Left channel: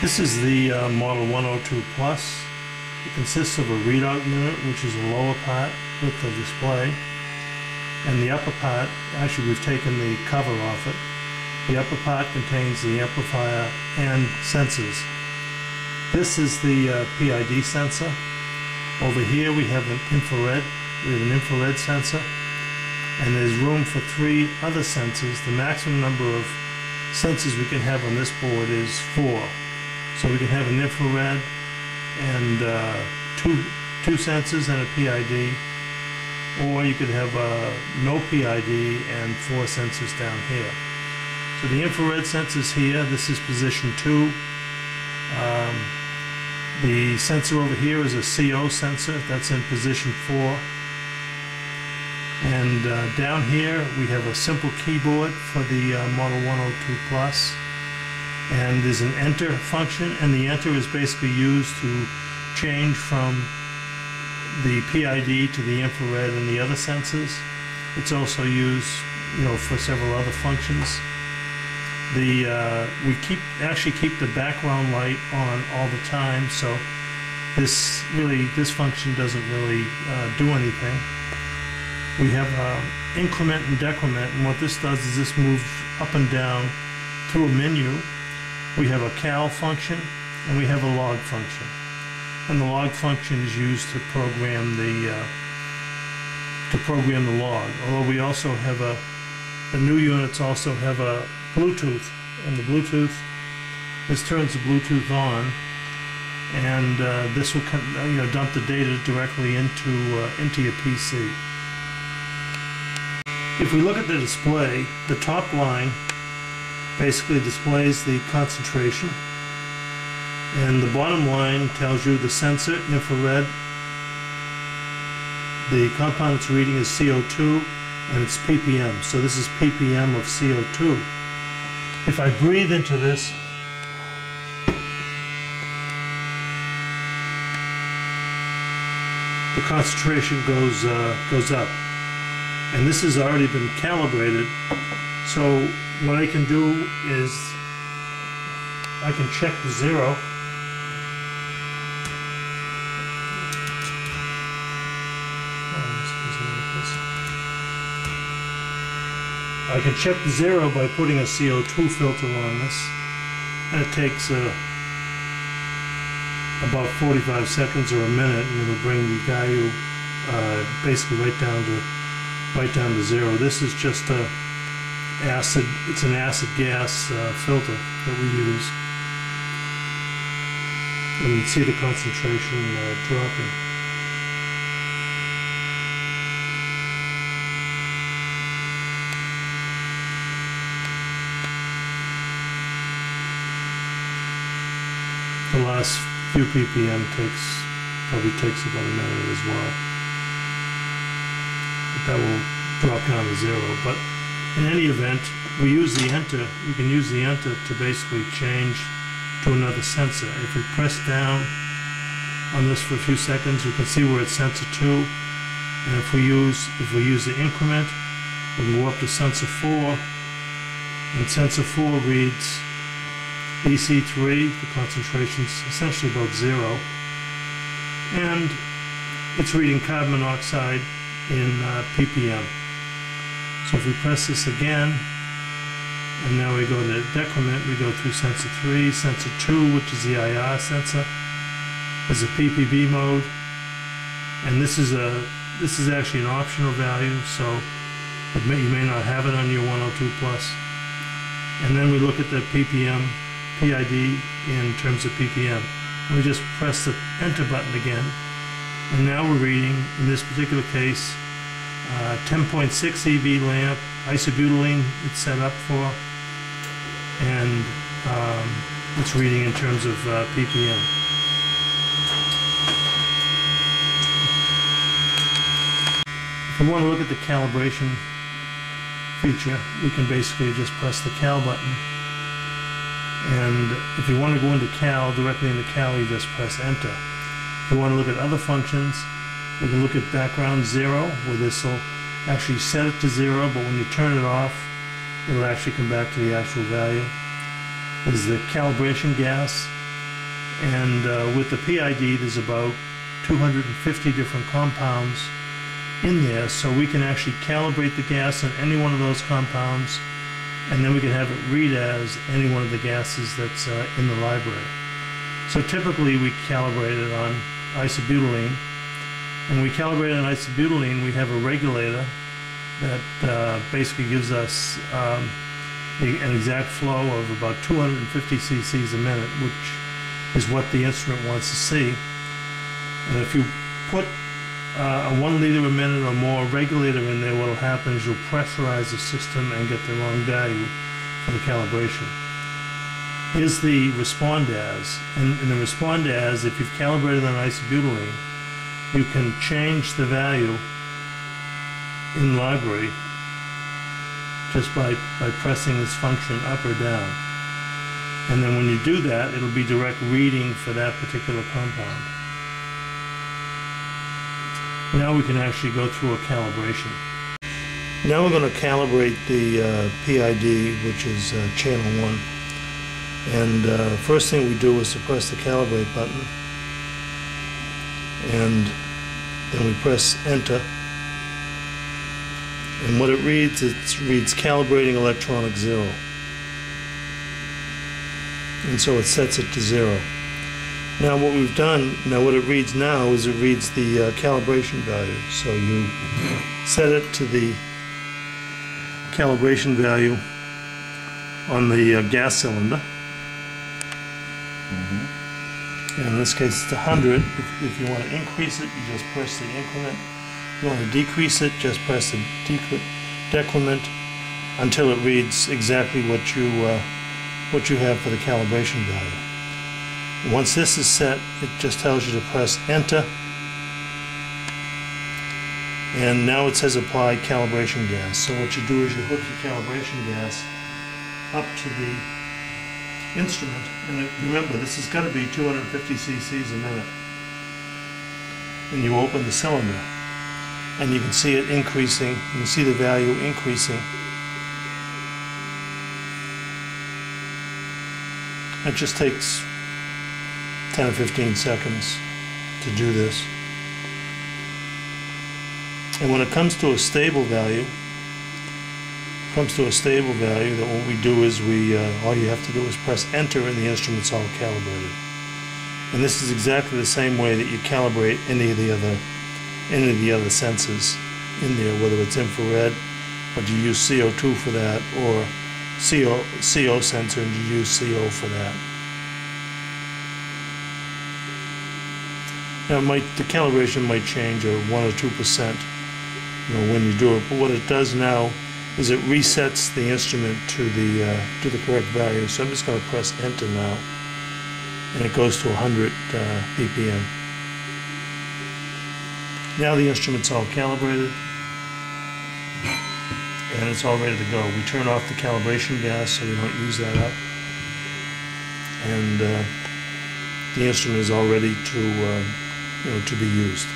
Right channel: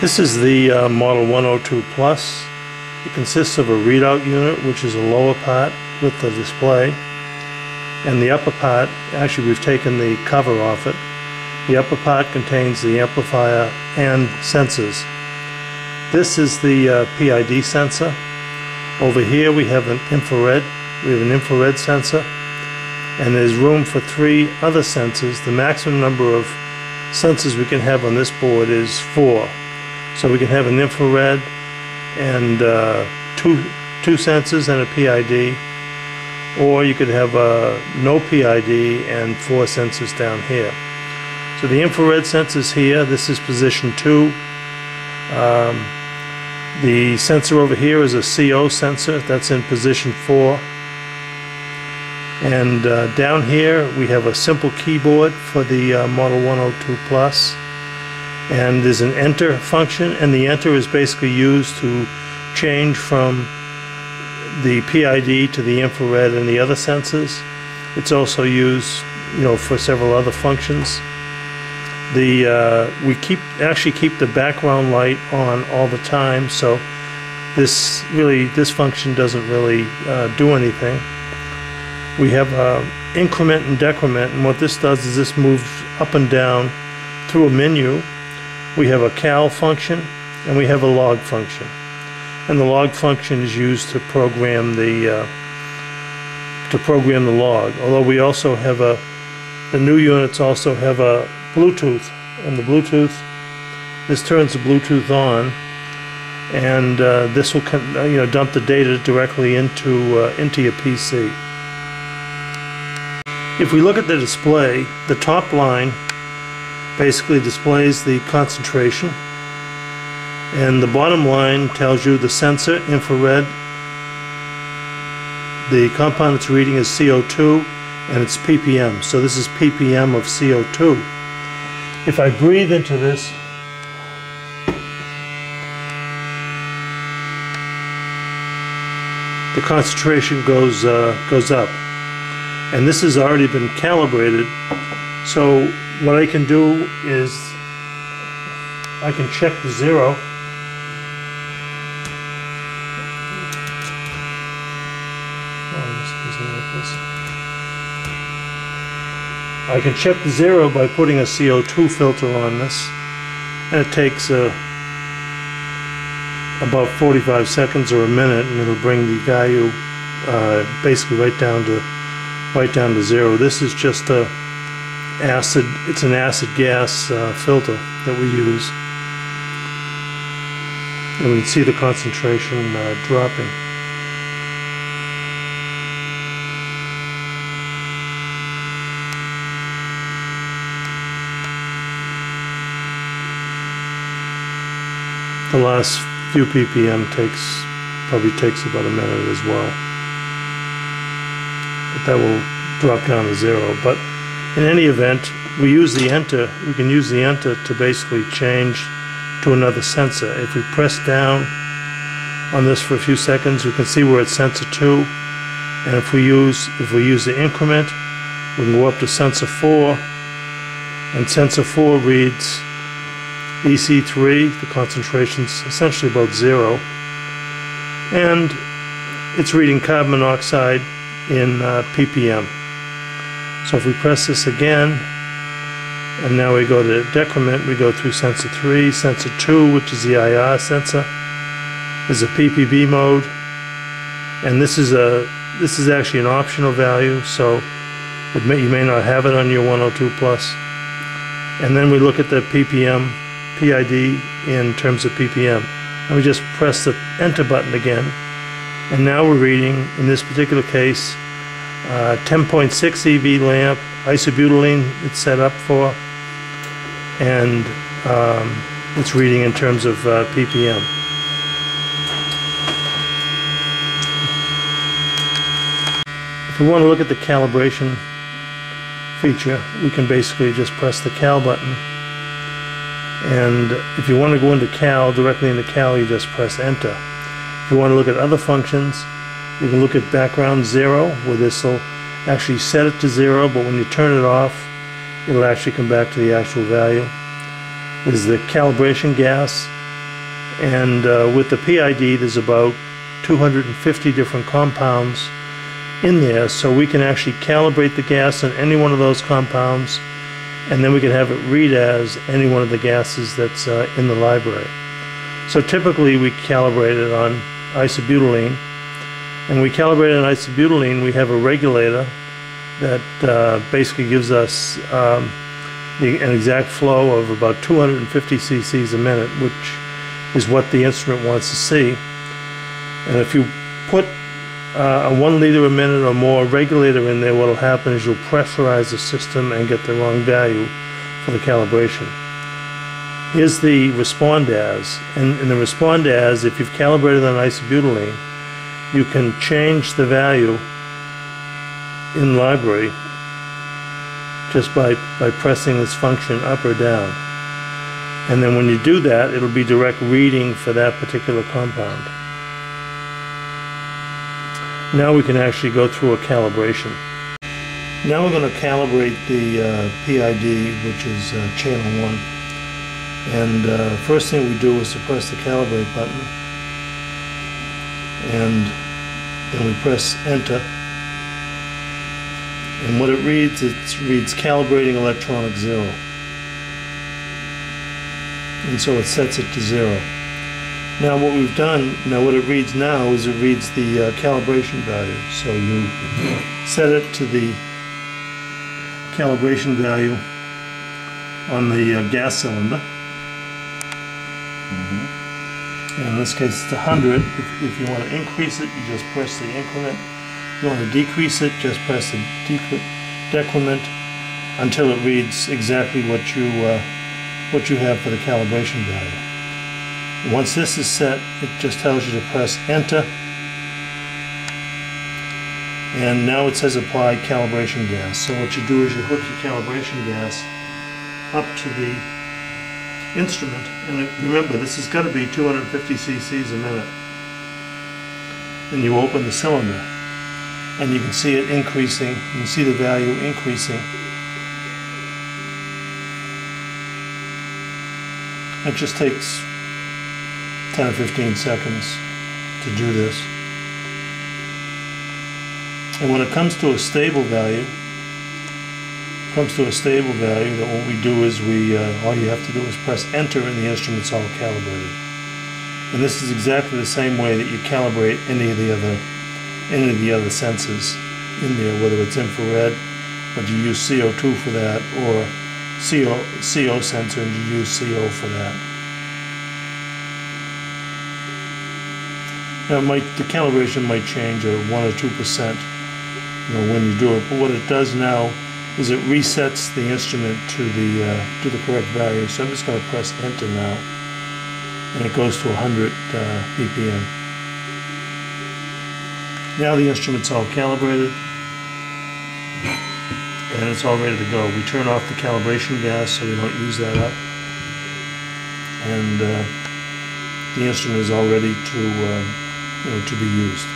This is the Model 102 Plus. It consists of a readout unit, which is a lower part with the display, and the upper part, actually we've taken the cover off it. The upper part contains the amplifier and sensors. This is the PID sensor. Over here we have an infrared. We have an infrared sensor, and there's room for 3 other sensors. The maximum number of sensors we can have on this board is 4. So we can have an infrared and two sensors and a PID, or you could have no PID and 4 sensors down here. So the infrared sensors here, this is position 2. The sensor over here is a CO sensor, that's in position 4. And down here we have a simple keyboard for the Model 102 Plus. And there's an enter function, and the enter is basically used to change from the PID to the infrared and the other sensors. It's also used, for several other functions. We actually keep the background light on all the time, so this function doesn't really do anything. We have increment and decrement, and what this does is this moves up and down through a menu. We have a cal function and we have a log function, and the log function is used to program the log. Although we also have the new units also have a Bluetooth, and the Bluetooth, this turns the Bluetooth on, and this will dump the data directly into your PC. If we look at the display, the top line basically displays the concentration, and the bottom line tells you the sensor, infrared. The compound it's reading is CO2, and it's ppm, so this is ppm of CO2. If I breathe into this, the concentration goes up, and this has already been calibrated. So what I can do is I can check the zero. I can check the zero by putting a CO2 filter on this, and it takes about 45 seconds or a minute, and it'll bring the value basically right down to zero. This is just it's an acid gas filter that we use, and we can see the concentration dropping. The last few ppm probably takes about a minute as well, but that will drop down to zero. But in any event, we use the enter. We can use the enter to basically change to another sensor. If we press down on this for a few seconds, we can see we're at sensor 2, and if we use the increment, we can go up to sensor 4, and sensor 4 reads EC3, the concentration's essentially about 0, and it's reading carbon monoxide in ppm. So if we press this again, and now we go to decrement, we go through sensor 3, sensor 2, which is the IR sensor. There's a PPB mode, and this is actually an optional value, so you may not have it on your 102 Plus. And then we look at the ppm, PID in terms of ppm, and we just press the enter button again, and now we're reading, in this particular case, 10.6 eV lamp, isobutylene it's set up for, and it's reading in terms of ppm. If we want to look at the calibration feature, we can basically just press the cal button, and if you want to go into cal, directly into cal, you just press enter. If you want to look at other functions, you can look at background 0, where this will actually set it to 0, but when you turn it off, it'll actually come back to the actual value. There's the calibration gas, And with the PID, there's about 250 different compounds in there, so we can actually calibrate the gas on any one of those compounds, and then we can have it read as any one of the gases that's in the library. So typically we calibrate it on isobutylene, and we calibrate it on isobutylene. We have a regulator that basically gives us an exact flow of about 250 cc's a minute, which is what the instrument wants to see. And if you put a 1 liter a minute or more regulator in there, what will happen is you'll pressurize the system and get the wrong value for the calibration. Here's the respond as, and in the respond as, if you've calibrated on isobutylene, you can change the value in library just by pressing this function up or down. And then when you do that, it'll be direct reading for that particular compound. Now we can actually go through a calibration. Now we're going to calibrate the PID, which is channel 1. And first thing we do is to press the calibrate button, and then we press enter. And what it reads calibrating electronic 0. And so it sets it to 0. Now what we've done, what it reads now is it reads the calibration value. So you set it to the calibration value on the gas cylinder. And in this case it's 100. If you want to increase it, you just press the increment. If you want to decrease it, just press the decrement until it reads exactly what you have for the calibration value. Once this is set, it just tells you to press enter, and now it says apply calibration gas. So what you do is you hook your calibration gas up to the instrument, and remember, this has got to be 250 cc's a minute. And you open the cylinder, and you can see it increasing. You can see the value increasing. It just takes 10 or 15 seconds to do this. And when it comes to a stable value, that what we do is all you have to do is press enter, and the instrument's all calibrated. And this is exactly the same way that you calibrate any of the other sensors in there, whether it's infrared, but you use CO2 for that, or CO sensor and you use CO for that. Now the calibration might change 1 or 2%, when you do it, but what it does now is it resets the instrument to the correct value. So I'm just going to press enter now, and it goes to 100 ppm. Now the instrument's all calibrated, and it's all ready to go. We turn off the calibration gas so we don't use that up, and the instrument is all ready to be used.